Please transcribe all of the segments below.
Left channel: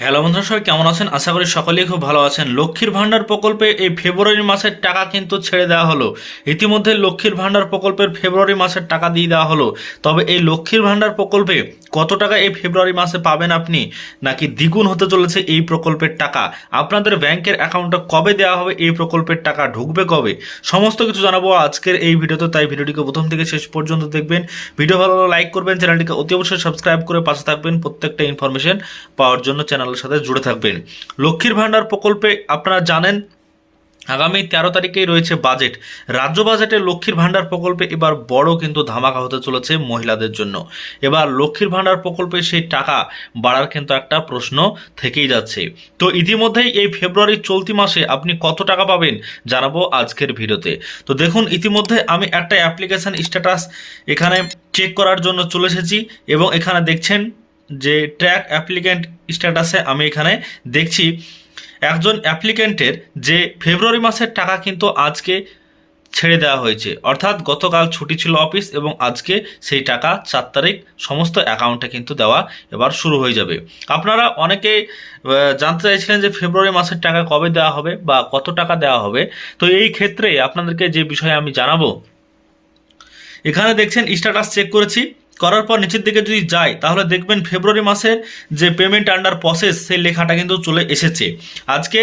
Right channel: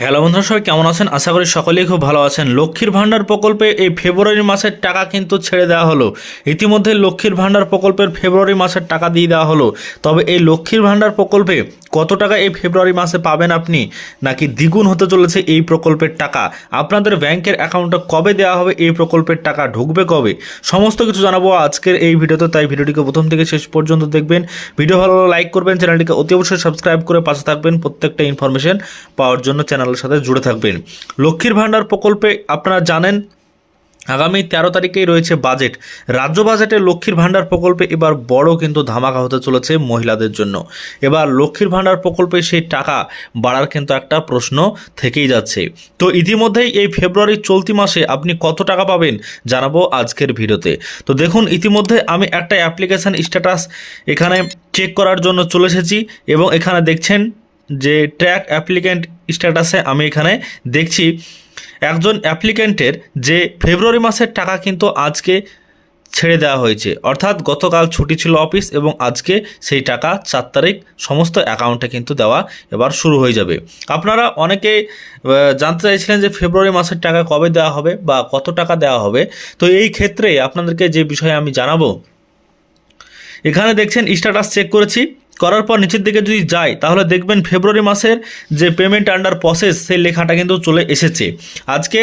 Hello বন্ধুরা, সবাই কেমন আছেন? আশা করি সকলেই খুব ভালো আছেন। লক্ষ্মীর ভাণ্ডার প্রকল্পে এই ফেব্রুয়ারি মাসের টাকা কিন্তু ছেড়ে দেওয়া হলো। ইতিমধ্যে লক্ষ্মীর ভাণ্ডার প্রকল্পের ফেব্রুয়ারি মাসের টাকা দিয়ে দেওয়া হলো। তবে এই লক্ষ্মীর ভাণ্ডার প্রকল্পে কত টাকা এই ফেব্রুয়ারি মাসে পাবেন আপনি? নাকি দ্বিগুণ হতে চলেছে এই প্রকল্পের টাকা? আপনাদের ব্যাংকের অ্যাকাউন্টে কবে দেওয়া হবে এই প্রকল্পের টাকা? ঢুকবে কবে? সমস্ত কিছু জানাব আজকের এই ভিডিওতে, তাই ভিডিওটিকে প্রথম থেকে শেষ পর্যন্ত দেখবেন। ভিডিও ভালো লাইক করবেন, চ্যানেলটিকে অতি অবশ্যই সাবস্ক্রাইব করে পাশে থাকবেন। প্রত্যেকটা ইনফরমেশন পাওয়ার জন্য চ্যানেলের সাথে জুড়ে থাকবেন। লক্ষ্মীর ভাণ্ডার প্রকল্পে আপনারা জানেন, আগামী তেরো তারিখেই রয়েছে বাজেট রাজ্য বাজেটে লক্ষ্মীর ভাণ্ডার প্রকল্পে এবার বড় কিন্তু ধামাকা হতে চলেছে মহিলাদের জন্য। এবার লক্ষ্মীর ভাণ্ডার প্রকল্পে সেই টাকা বাড়ার কিন্তু একটা প্রশ্ন থেকেই যাচ্ছে। তো ইতিমধ্যেই এই ফেব্রুয়ারি চলতি মাসে আপনি কত টাকা পাবেন জানাব আজকের ভিডিওতে। তো দেখুন, ইতিমধ্যে আমি একটা অ্যাপ্লিকেশন স্ট্যাটাস এখানে চেক করার জন্য চলে এসেছি এবং এখানে দেখছেন যে ট্র্যাক অ্যাপ্লিক্যান্ট স্ট্যাটাসে আমি এখানে দেখছি, একজন অ্যাপ্লিক্যান্টের যে ফেব্রুয়ারি মাসের টাকা কিন্তু আজকে ছেড়ে দেওয়া হয়েছে। অর্থাৎ গতকাল ছুটি ছিল অফিস এবং আজকে সেই টাকা চার তারিখ সমস্ত অ্যাকাউন্টে কিন্তু দেওয়া এবার শুরু হয়ে যাবে। আপনারা অনেকে জানতে চাইছিলেন যে ফেব্রুয়ারি মাসের টাকা কবে দেওয়া হবে বা কত টাকা দেওয়া হবে। তো এই ক্ষেত্রে আপনাদেরকে যে বিষয়ে আমি জানাব, এখানে দেখছেন স্ট্যাটাস চেক করেছি। করার পর নিচের দিকে যদি যাই, তাহলে দেখবেন ফেব্রুয়ারি মাসের যে পেমেন্ট আন্ডার প্রসেস সেই লেখাটা কিন্তু চলে এসেছে। আজকে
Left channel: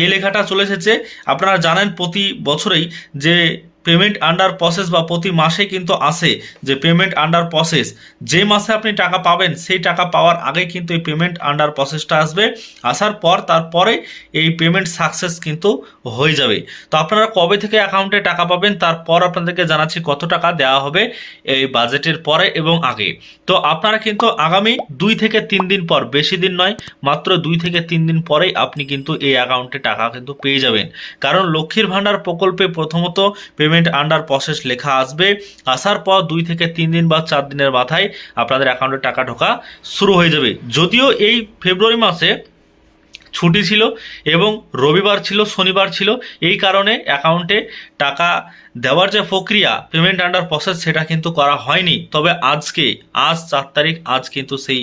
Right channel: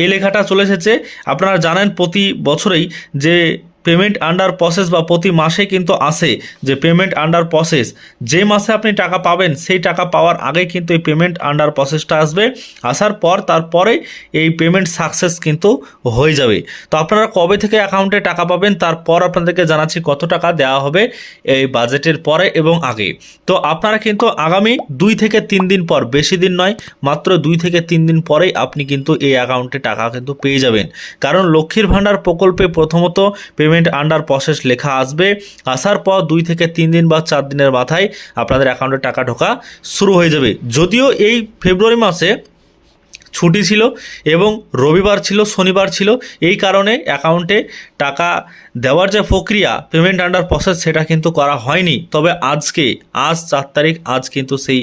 এই লেখাটা চলে এসেছে। আপনারা জানেন প্রতি বছরেই যে পেমেন্ট আন্ডার প্রসেস বা প্রতি মাসে কিন্তু আসে যে পেমেন্ট আন্ডার প্রসেস যে মাসে আপনি টাকা পাবেন, সেই টাকা পাওয়ার আগে কিন্তু এই পেমেন্ট আন্ডার প্রসেসটা আসবে। আসার পর, তারপরে এই পেমেন্ট সাকসেস কিন্তু হয়ে যাবে। তো আপনারা কবে থেকে অ্যাকাউন্টে টাকা পাবেন, তারপর আপনাদেরকে জানাচ্ছি কত টাকা দেওয়া হবে এই বাজেটের পরে এবং আগে। তো আপনারা কিন্তু আগামী দুই থেকে তিন দিন পর, বেশি দিন নয়, মাত্র দুই থেকে তিন দিন পরেই আপনি কিন্তু এই অ্যাকাউন্টে টাকা কিন্তু পেয়ে যাবেন। কারণ লক্ষ্মীর ভাণ্ডার প্রকল্পে প্রথমত পেমেন্ট আন্ডার প্রসেস লেখা আসবে। আসার পর দুই থেকে তিন দিন বা চার দিনের মাথায় আপনাদের অ্যাকাউন্টে টাকা ঢোকা শুরু হয়ে যাবে। যদিও এই ফেব্রুয়ারি মাসে ছুটি ছিল এবং রবিবার ছিল, শনিবার ছিল। এই কারণে অ্যাকাউন্টে টাকা দেওয়ার যে প্রক্রিয়া পেমেন্ট আন্ডার প্রসেস সেটা কিন্তু করা হয়নি। তবে আজকে, আজ চার তারিখ, আজ কিন্তু সেই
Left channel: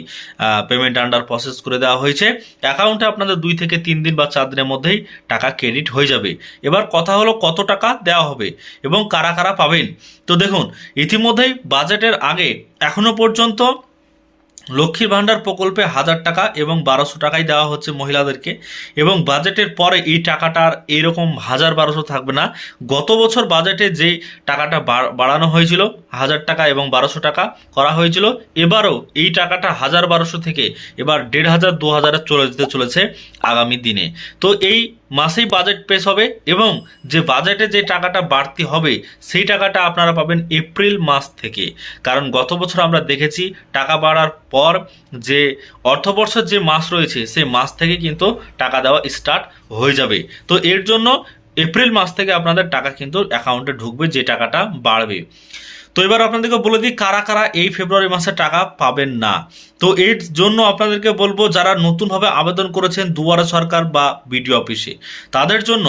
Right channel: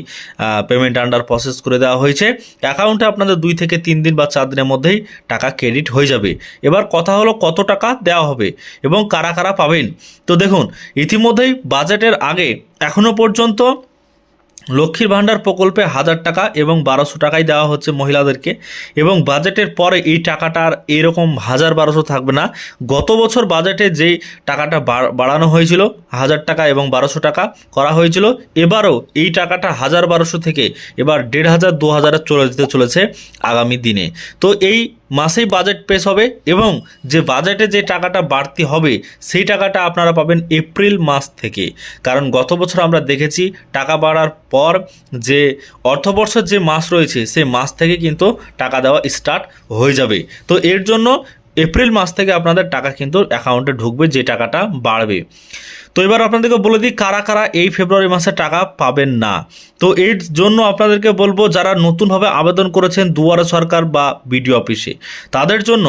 পেমেন্ট আন্ডার প্রসেস করে দেওয়া হয়েছে। অ্যাকাউন্টে আপনাদের দুই থেকে তিন দিন বা চার দিনের মধ্যেই টাকা ক্রেডিট হয়ে যাবে। এবার কথা হলো কত টাকা দেওয়া হবে এবং কারা কারা পাবেন। তো দেখুন, ইতিমধ্যেই বাজেটের আগে, এখনও পর্যন্ত লক্ষ্মীর ভাণ্ডার প্রকল্পে হাজার টাকা এবং বারোশো টাকাই দেওয়া হচ্ছে মহিলাদেরকে এবং বাজেটের পরে এই টাকাটার এরকম হাজার বারোশো থাকবে না। গত বছর বাজেটে যেই টাকাটা বাড়ানো হয়েছিল, হাজার টাকা এবং বারোশো টাকা করা হয়েছিল, এবারও এই টাকাটা হাজার বারোশো থেকে এবার দেড় হাজার দু হাজারে চলে যেতে চলেছে আগামী দিনে। তো এই মাসেই বাজেট পেশ হবে এবং যে বাজেটে যে টাকাটা বাড়তি হবে, সেই টাকাটা আপনারা পাবেন এপ্রিল মাস থেকে। কারণ গত বছর আমরা দেখেছি টাকা বাড়ার পর যে অর্থবর্ষের যে মাস রয়েছে, সেই মাস থেকে কিন্তু টাকা দেওয়া স্টার্ট হয়ে যাবে। তো এর জন্য এপ্রিল মাস থেকে আপনাদের টাকা কিন্তু অ্যাকাউন্টে ঢুকবে, যে টাকাটা বাড়বে। তো এবার আপনাদেরকে বলে দিই, কারা কারা এই ফেব্রুয়ারি মাসে টাকা পাবেন না। তো এর জন্য আপনাদেরকে বলব, যারা নতুনভাবে আবেদন করেছেন দুয়ারে সরকার বা বিডিও অফিসে, তাদের জন্য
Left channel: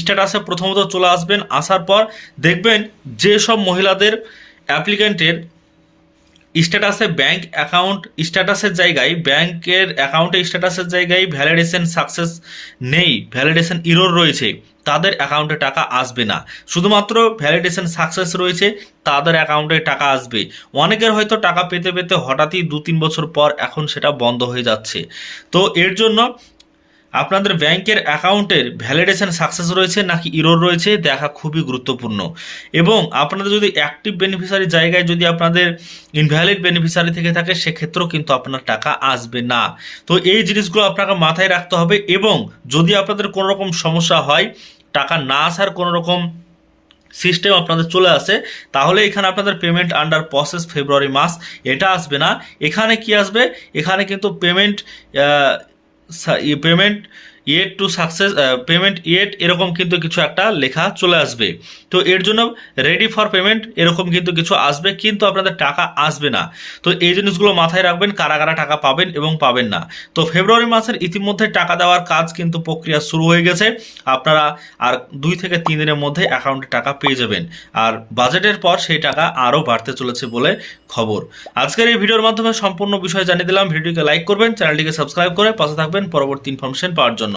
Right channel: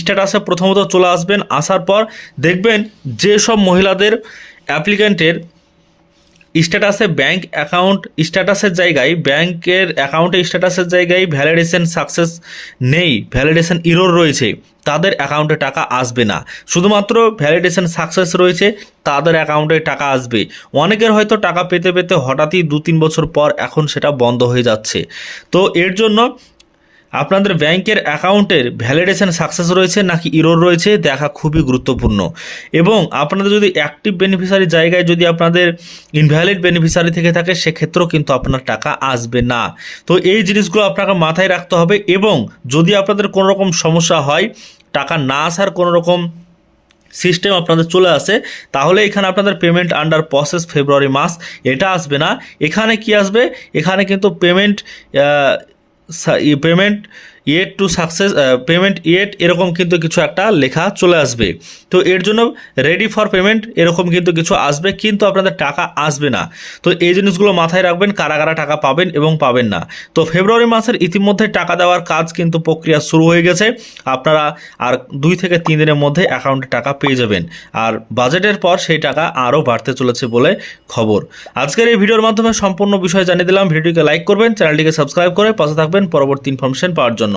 স্ট্যাটাসে প্রথমত চলে আসবেন, আসার পর দেখবেন যে সব মহিলাদের অ্যাপ্লিক্যান্টের স্ট্যাটাসে ব্যাংক অ্যাকাউন্ট, স্ট্যাটাসের জায়গায়, ব্যাংকের অ্যাকাউন্টে স্ট্যাটাসের জায়গায় ভ্যালিডেশন সাকসেস নেই, ভ্যালিডেশন ইরোর রয়েছে। তাদের অ্যাকাউন্টে টাকা আসবে না। শুধুমাত্র ভ্যালিডেশন সাকসেস রয়েছে, তাদের অ্যাকাউন্টে টাকা আসবে। অনেকের হয়তো টাকা পেতে পেতে হঠাৎই দু তিন বছর পর এখন সেটা বন্ধ হয়ে যাচ্ছে। তো এর জন্য আপনাদের ব্যাংকের অ্যাকাউন্টের ভ্যালিডেশন সাকসেস রয়েছে নাকি ইরোর রয়েছে দেখা খুবই গুরুত্বপূর্ণ। এবং আপনাদের যদি অ্যাক্টিভ বেনিফিশিয়ারি জায়গায় যদি আপনাদের ইনভ্যালিড বেনিফিশিয়ারি থেকে থাকে, সেক্ষেত্রেও কিন্তু আপনার টাকা আসবে না। তো এই জিনিসগুলো আপনাকে মাথায় রাখতে হবে এবং যদি আপনাদের কোনো রকম সমস্যা হয়, টাকা না আসার কোনো রকম সিস্টেম আপনাদের চলে আসে, তাহলে এখানে আপনাদের পেমেন্ট আন্ডার প্রসেস ফেব্রুয়ারি মাস, এটা আসবে না। এখানে কি আসবে? এখানে কিন্তু payment payment yet to success payment yet এরকম কিন্তু কিছু একটা লেখা চলে আসবে। তো এর জন্য রেডি ফর পেমেন্ট এরকম কিন্তু কিছু আসবে, কিন্তু আপনাদের টাকা আসবে না। তো এই জিনিসগুলো মাথায় রাখবেন কারা কারা টাকা পাবেন এবং পাবেন না। তো ফেব্রুয়ারি মাসের ইতিমধ্যে টাকা দেওয়ার কাজ কিন্তু প্রক্রিয়া শুরু হয়ে গেছে। আপনারা আর দুই থেকে তিন দিনের মধ্যে অ্যাকাউন্টে টাকা পেয়ে যাবেন। আর বাজেটের পর সেই টাকা আরও বাড়তে চলেছে বলে খবর। আজকের এই ভিডিওর মাধ্যমে সম্পূর্ণ বিষয় জানিয়ে দিলাম। ভিডিওকে লাইক করবেন চ্যানেলটিকে সাবস্ক্রাইব করে পাশে থাকবেন পরবর্তী ইনফরমেশন পাওয়ার জন্য।